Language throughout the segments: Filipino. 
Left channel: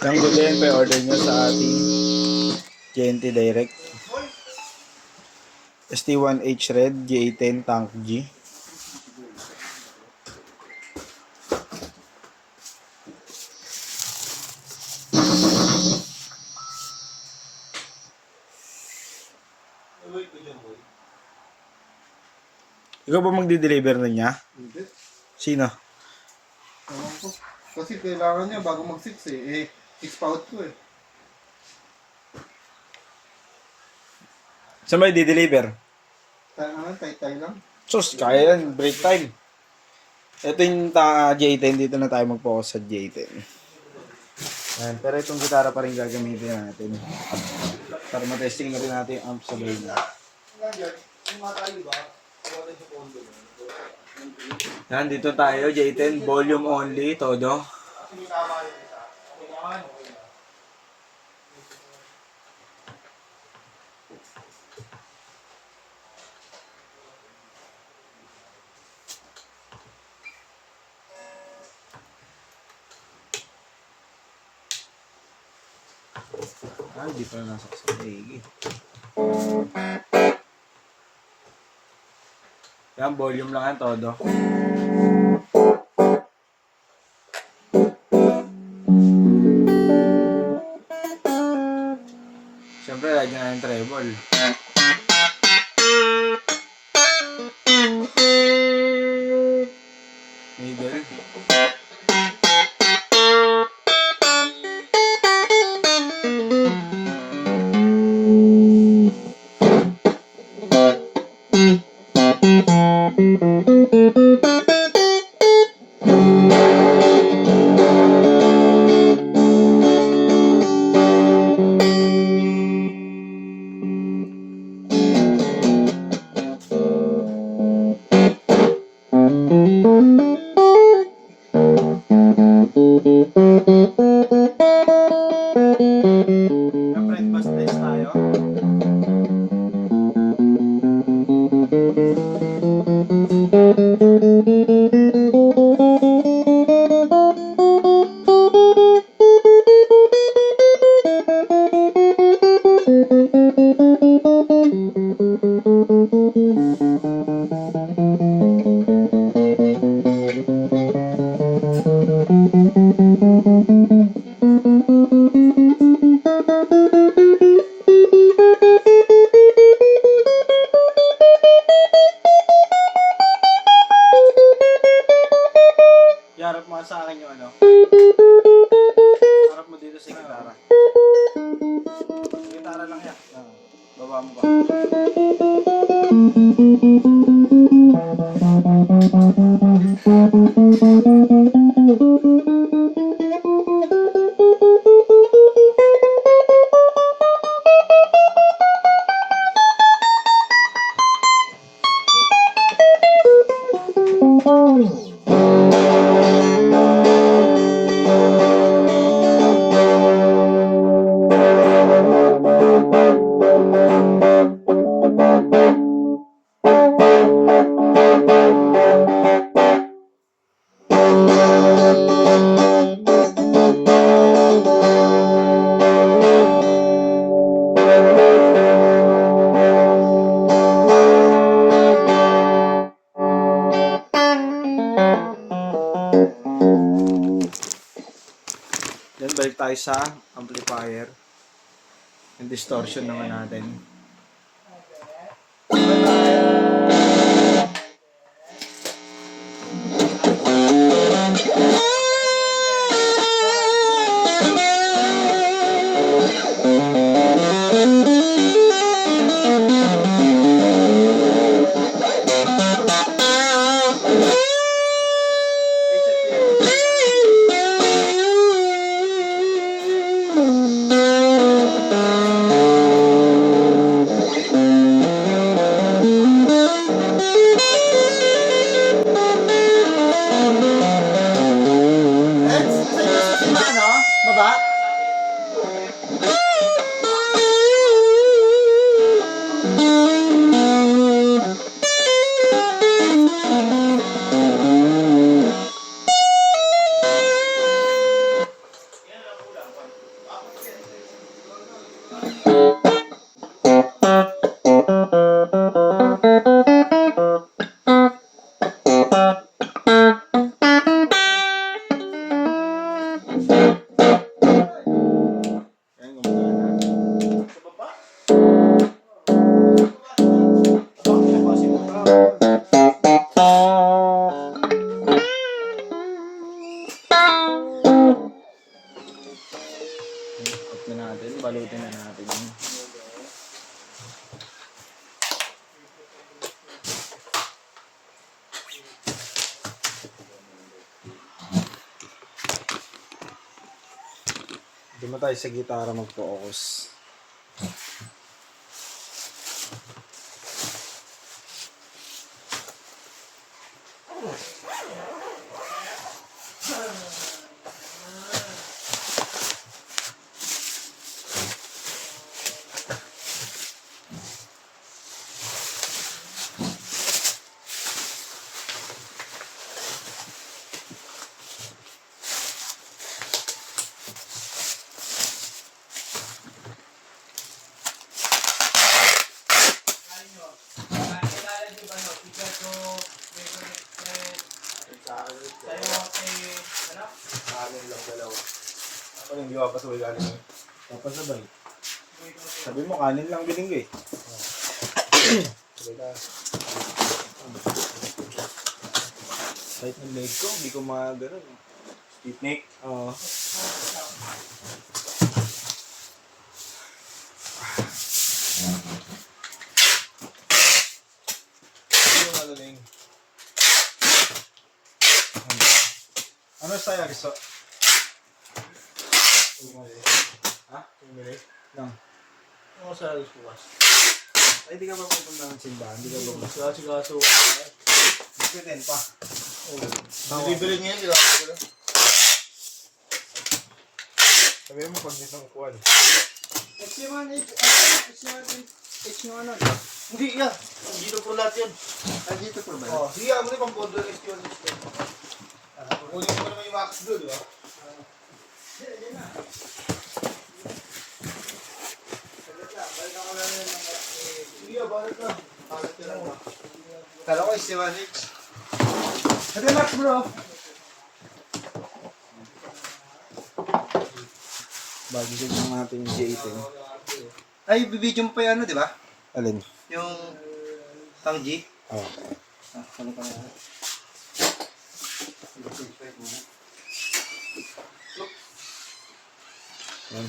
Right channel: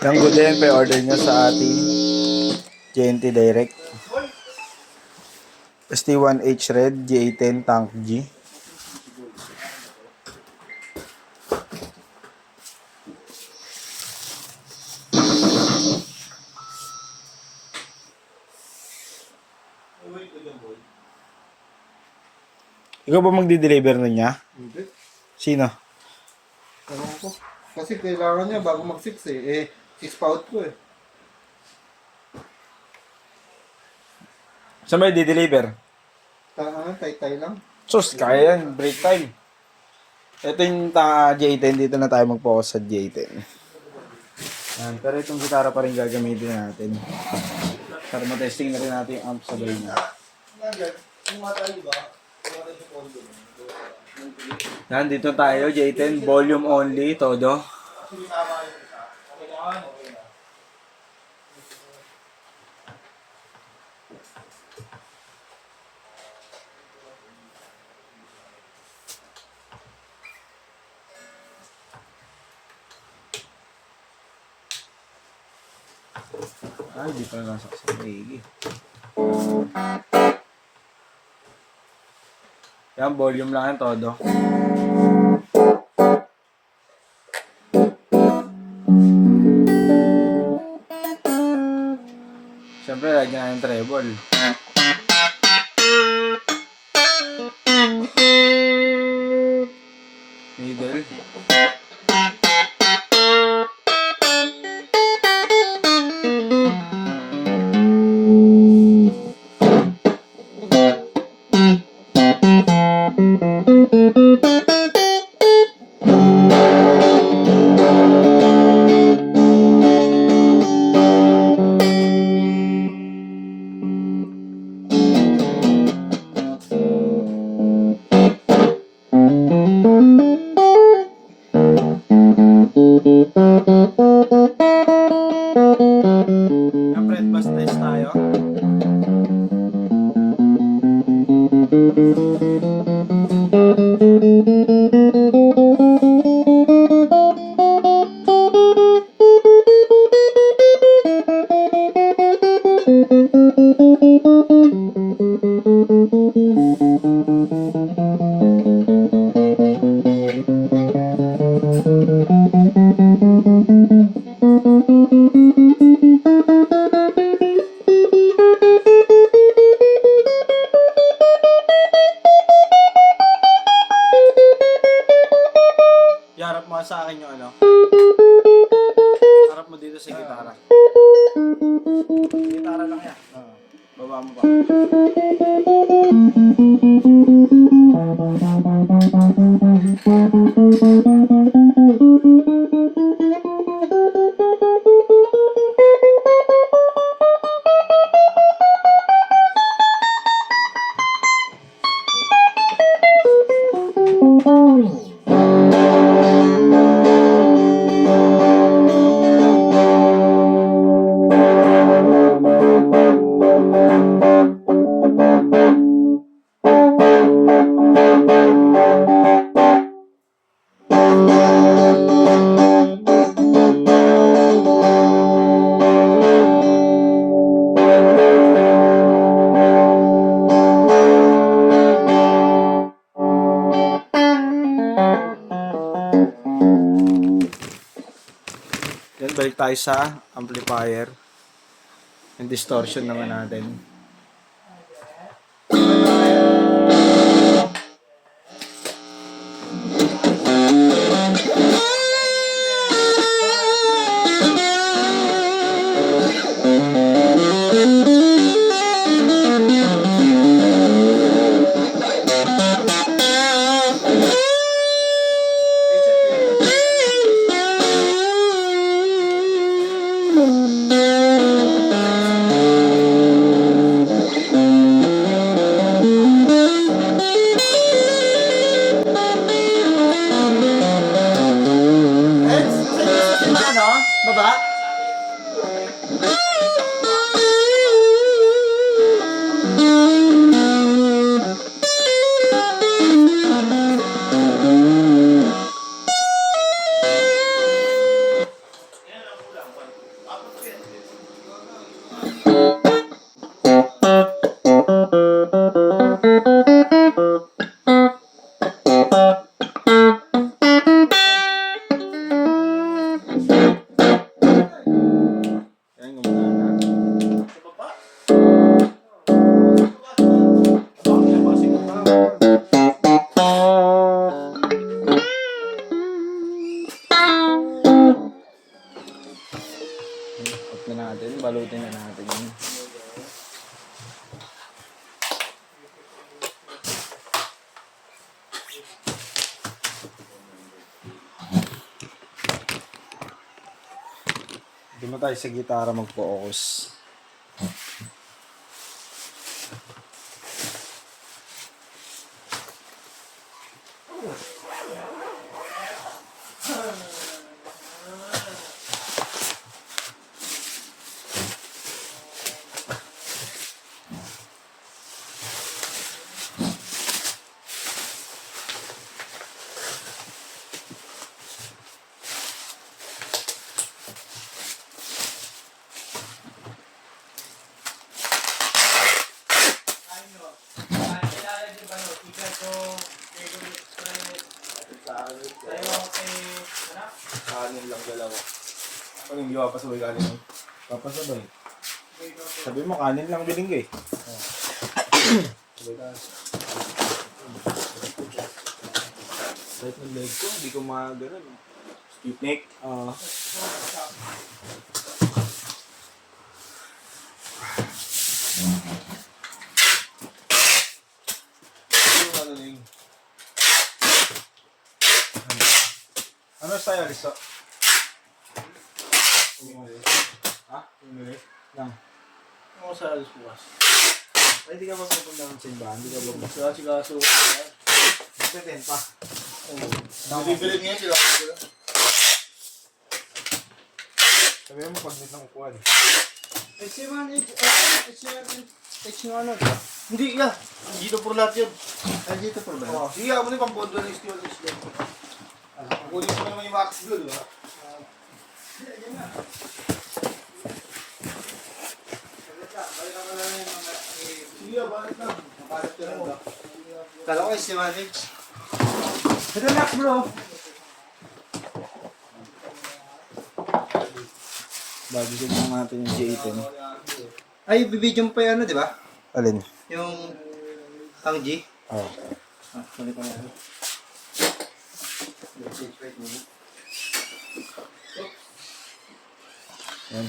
Yung good din, pa-order nyo sa ating JNT Direct. ST1H Red, G810, Tank G. Ikaw ba magdi-deliver na niya? Hindi. Sino? Ewan ko. Kasi kailangan niya bago mag-6 eh. Ispout ko eh. Saan ba i-deliver? Tay-tay lang. Sus, kaya yan. Break time. Ito yung J10. Dito na tayo mag-focus sa J10. Yan. Pero itong gitara pa rin gagamitin natin. Para matesting na rin natin yung amp sabay na. Yan, dito tayo. J10. Volume only. Todo. Ay, di pa nasaksalig. Yan, volume lang yan todo. Siyempre, lagyan natin treble. Middle. Siyempre, bus test tayo. Iharap mo sa akin yung ano. Harap mo dito sa gitara. Gitara lang yan. Baba mo pa. Then balik tayo sa amplifier. Yung distortion naman natin. Baba? Ayan, gumagana. Sa baba. Baka pinapasing mo pa. Cut na natin, balutin na natin yun. Hindi mo tayo sa gitara mag-focus. Kanin lang galaw. Ano hindi ka pasabay kanin mo? Papasabay. Sabi mo kanin lang binigay. Sabi ka. Kahit ng leg ko, hindi ko magano'n. Stiff neck? Oo. Yung ano ning? Ano style Aristo? Ha? Lang. Ano sa alis bukas? Ay, di ka ba pupunta ng simbahan? Di ka ba ba? Sigaso. Magte-10 pa. Bibili niya sila. Sabihin mo pag dito ng upuan. Hindi, yeah. Dito po lahat yun. Dito po ba? Oh, sige, ako na pang bondo list yun. Kunin mo naman yung max doon, di ba? Sige, balik lang. Nakalat ka lang ba? Kala ko yung Siwanich. Relax bro. Bago siya natin yung J10. Ay, bibidyo mo pa yung ano, di ba? Alin? Yung Tang G. Oo. Ah, kani pa na. Yan.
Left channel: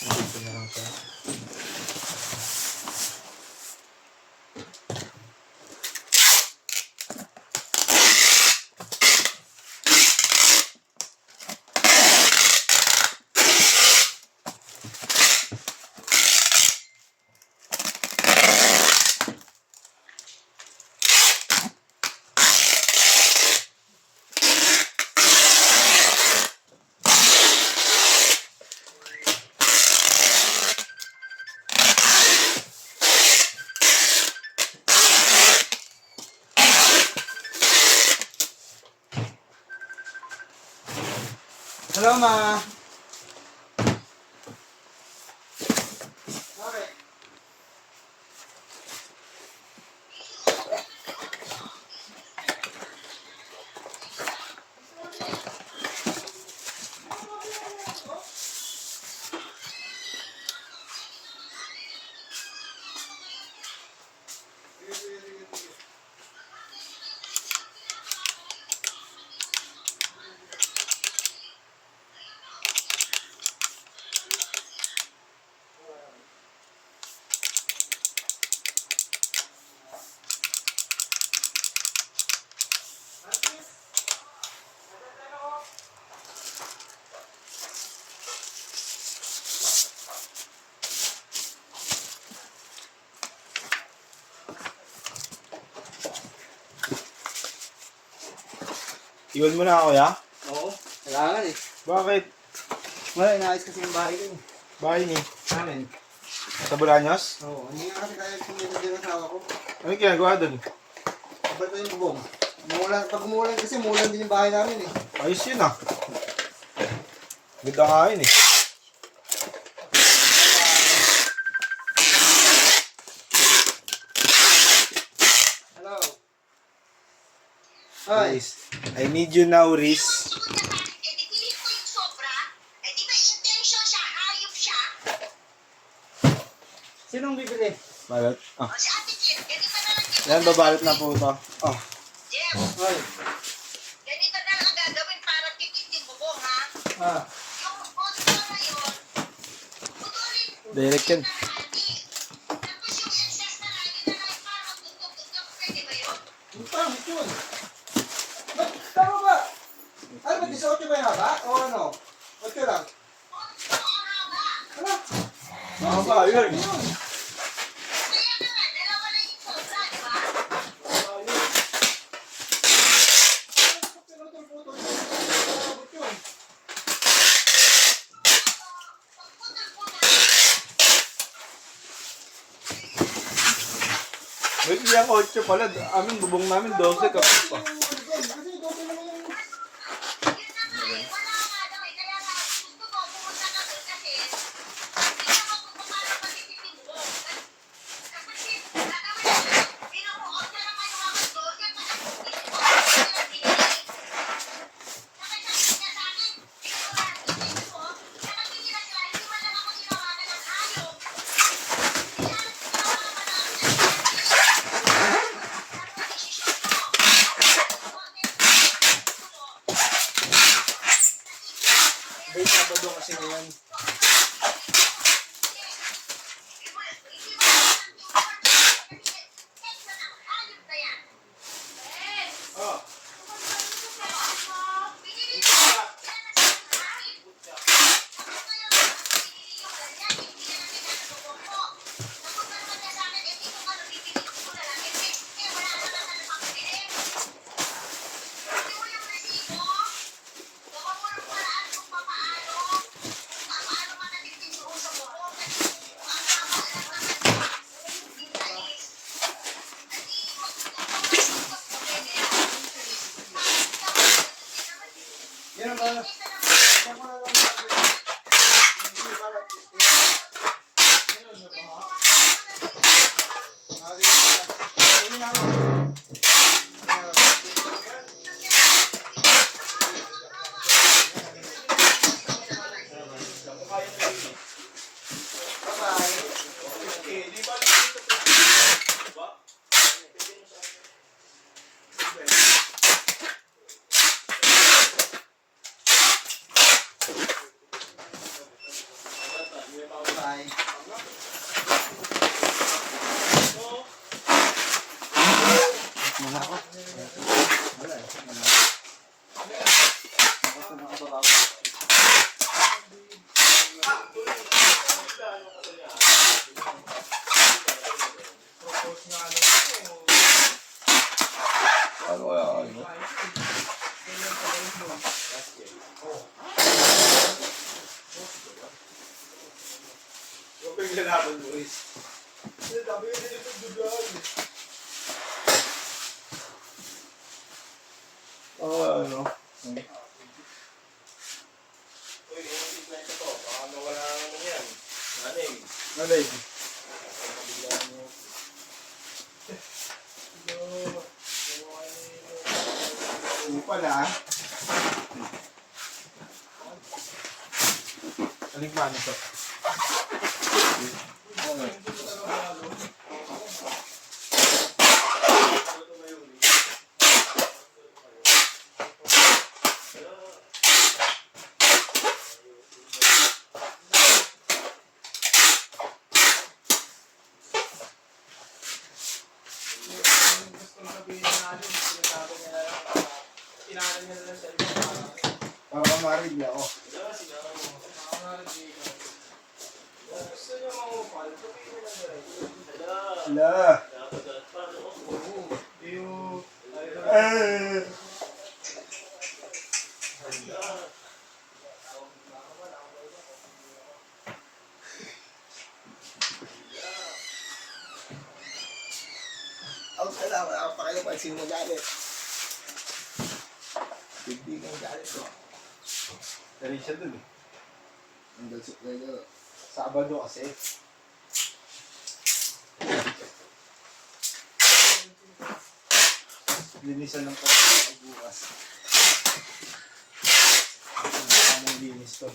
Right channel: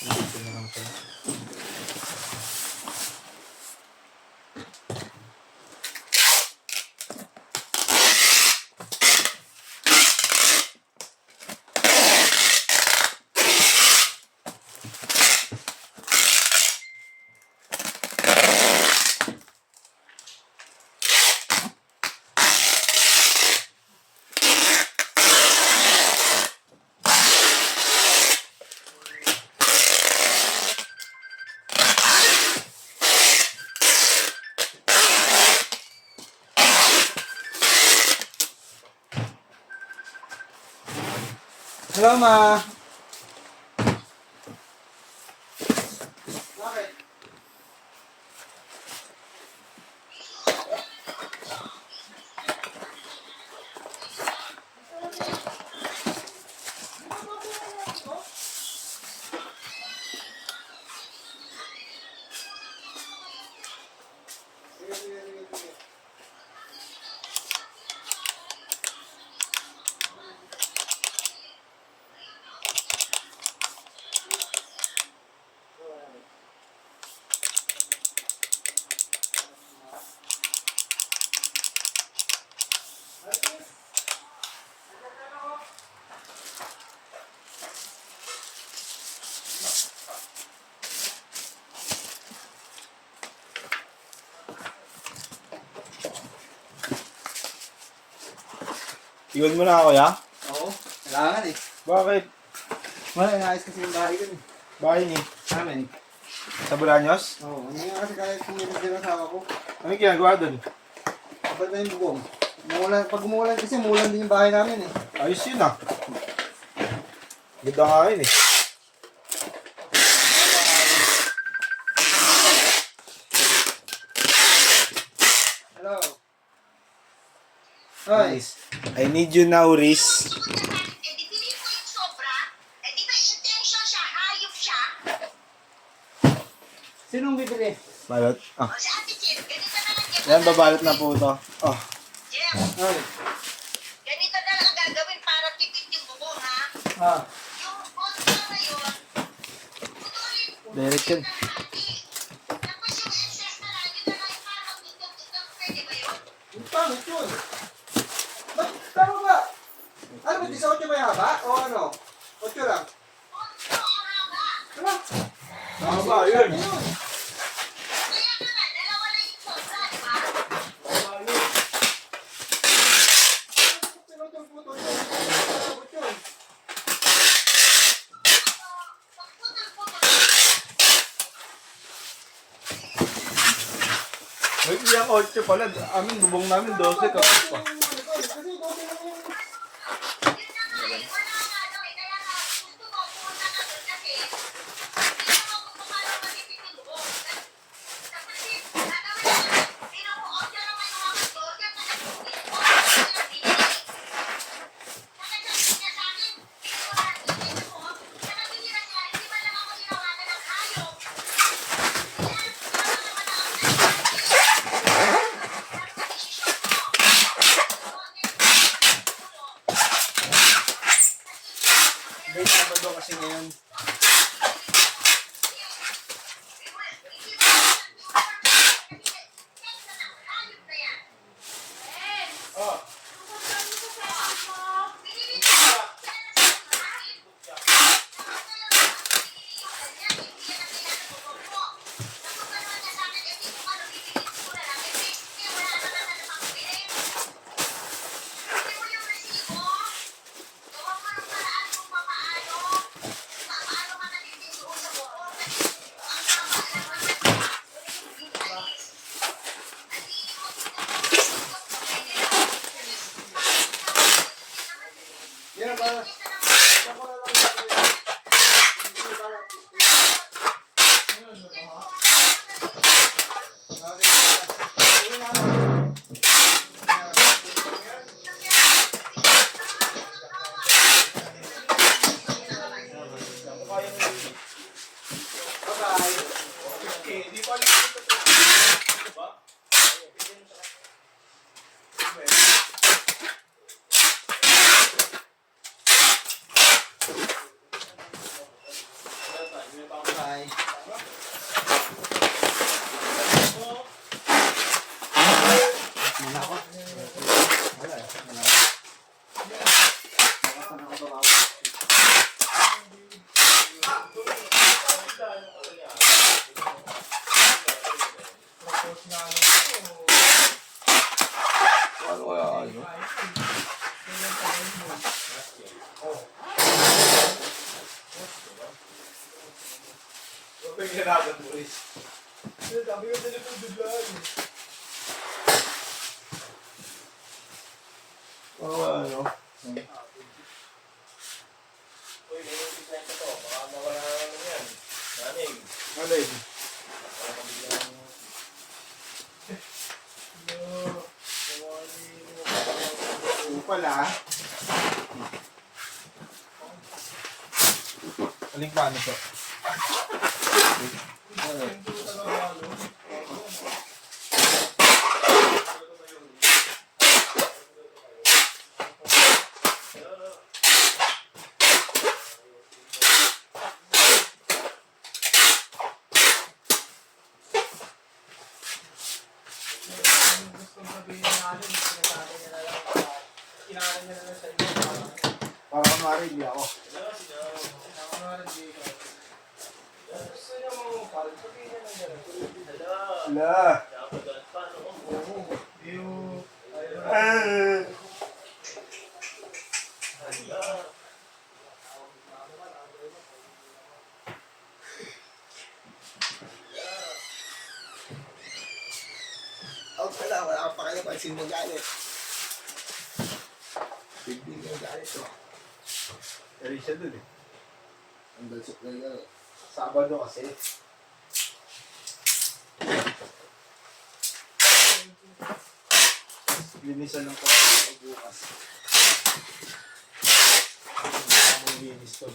Dito na lang siya. Hello, ma. Bakit? Iwan mo na ako, ya? Oo, kailangan eh. Bakit? Wala, inaayos kasi yung bahay ko eh. Bahay ni. Amin. Sa Bolaños? Oo, hindi nga kasi kaya sumilid din ang asawa ko. Ano yung ginagawa doon? Kapag na yung bubong. Umulan, pag umulan kasi, umulan din yung bahay namin eh. Ayos yun ah. Ganda nga yun eh. Hello. Hi. Riz. I need you now, Riz. Eh, di piliin ko yung sobra. Eh, di ba intention siya, hayop siya. Sinong bibili? Balot. Ah. O si Ate Jim, ganito na lang Jeff. Yan, babalot na po ito. Oh. Jeff, Hi. ganito na lang ang gagawin para tipid yung bubong, ha? Ah. Yung konto na yun, putulin mo Direct yan. ng hati. Tapos yung excess na lang, yun na lang yung parang magtutog-tutog. Pwede ba yun? Ang pangit yun. Ba't, tama ba? Ano ba, 18 ba yung haba? O ano? 8 lang? Konto ang haba. Ano? Haba, yun. Kaya nga nga, dalawa lang yung sobra, di ba? Pinutol-putol yun. Sabot yun. Pag putol-putol, Wait, yung 8 pala. Amin, bubong namin 12 kapit pa. Kasi 12 lang yung... yun na nga eh, wala ka nga daw eh. Kaya nga, gusto ko pumunta ka doon kasi hindi ako kung paano matipid yung bubong. Tapos gagawin ko, ino-order naman yung mga burger, tapos ino-order binili. Nakasabit niya sa akin, hindi ko na nakikita ko, nakabili na sila, hindi man lang ako tinawagan ng hayop. Kaya, May Sabado kasi ngayon. Oh. Yan ba? Bye. Wala ako. Wala eh. Wala ako. Ako na nakababaw. Ano kaya ano? Huwag ko yung lalaban, Boris. Sabi ko sila pagdugaan. Ano? Uy, ganyan yung to. Baka mawala na naman yan. Naning. Malay. Pala. Aling paano to? Para marili ako. Ala. Out ka lang, wala kang pakialam, pansin mo galit. Bigdig ang galit ko. Pero siya dun eh. Ang dalsot na yun. Sabado kasi. Linisan ng kapatid bukas. Anong linis to?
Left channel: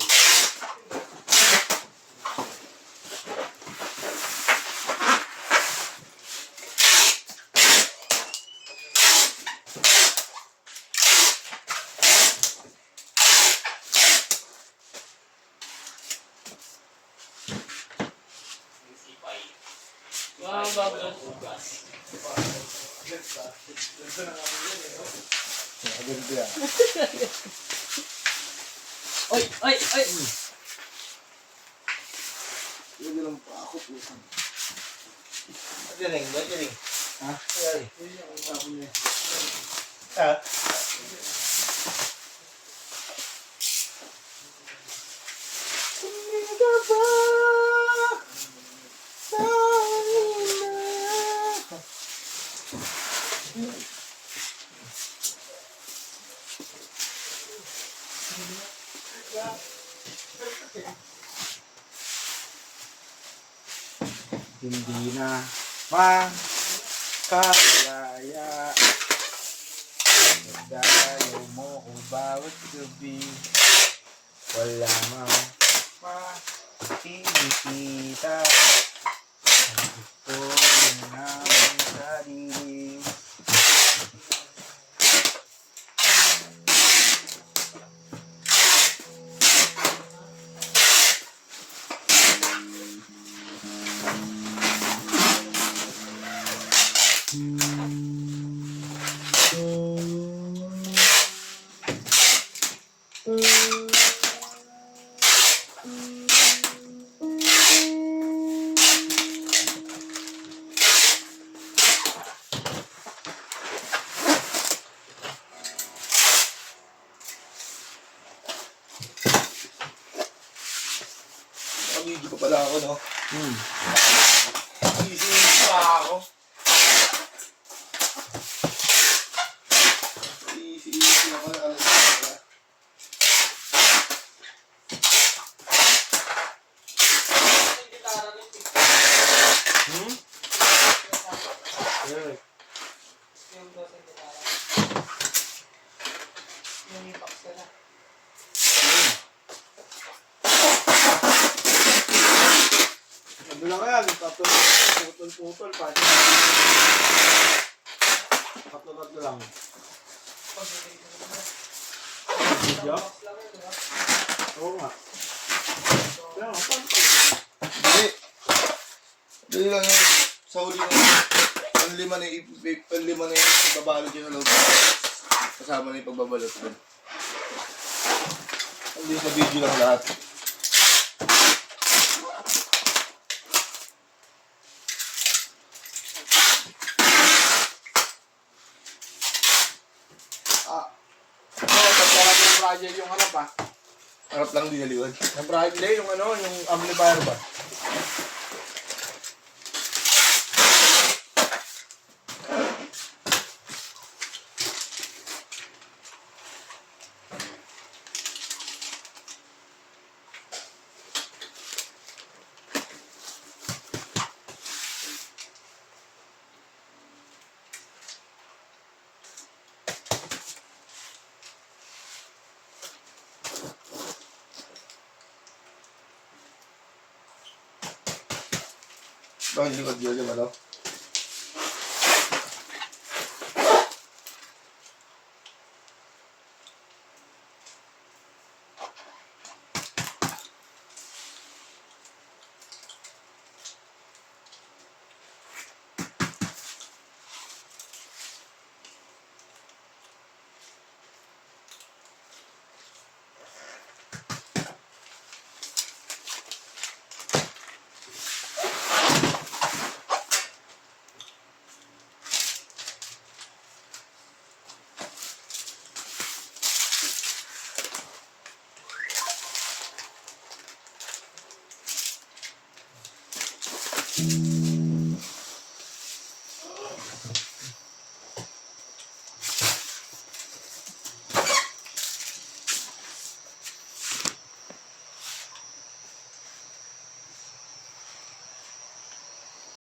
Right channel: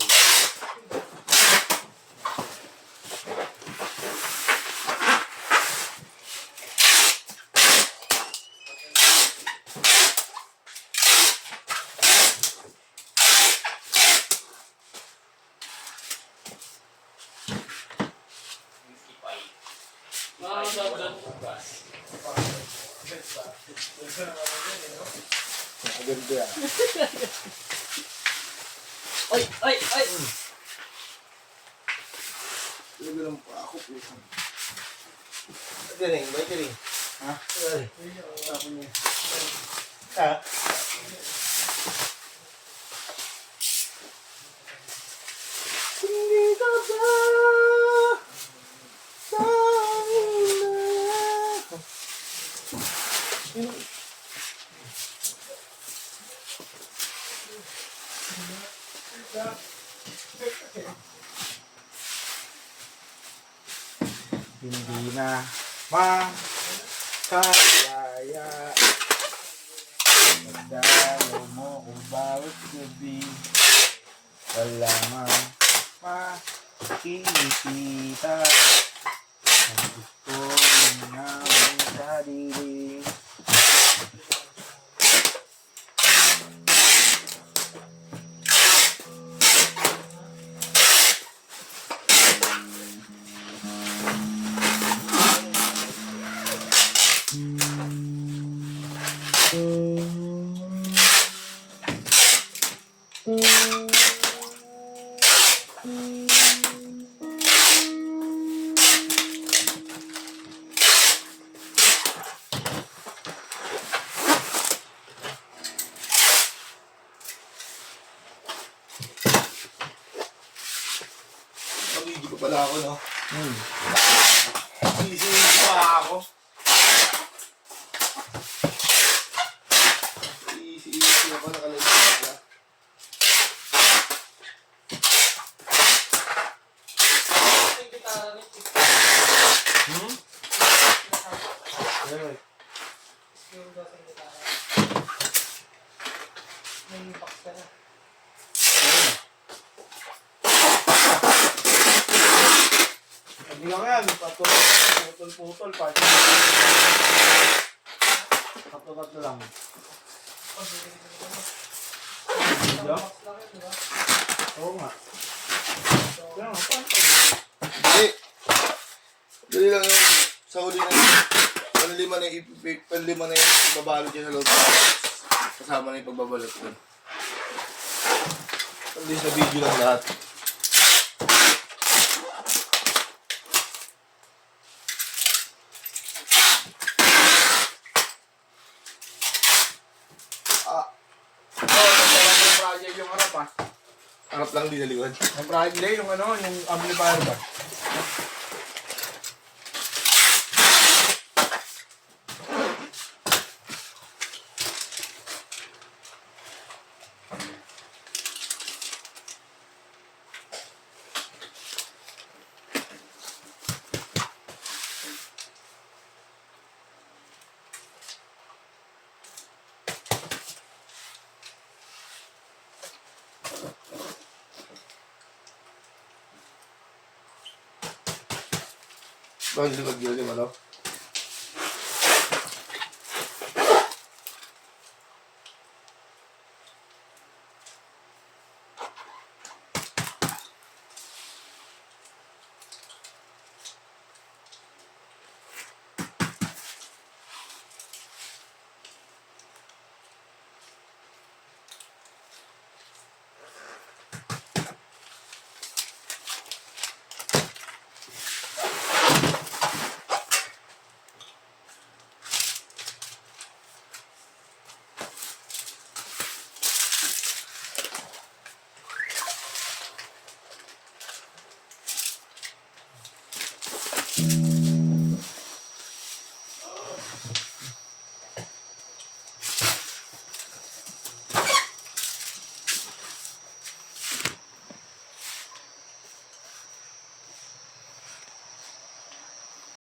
Mga babad bukas. Maganda yan. Ay, ay, ay! Ganun pa ako, pusan. Galing, galing. Ha? Galing. Tapos niya. Ha? Hindi ka ba sa hindi na makakaya dalaw mo kung bawat gabi wala man makikita ang gusto namin sarili. Nagigil pa pala ako, no? Easy pa ako. Easy ako, nakalagay pala. Sabi lang yan, putol-putol, party. Tatlo lang. Diba? Oo nga. Kaya nga, party. Hindi. Dali lang yun. Sa huli na yun. Panlima na yung ibabalot yun sa loob. Kasama na yung pagbabalot yun. Hindi sa video lang lahat. Pagkarap yung project yung harap ah. Harap lang dinaliwan. Yung project day, yung ano, yung amplifier ba? Bakit likod yun yung ano?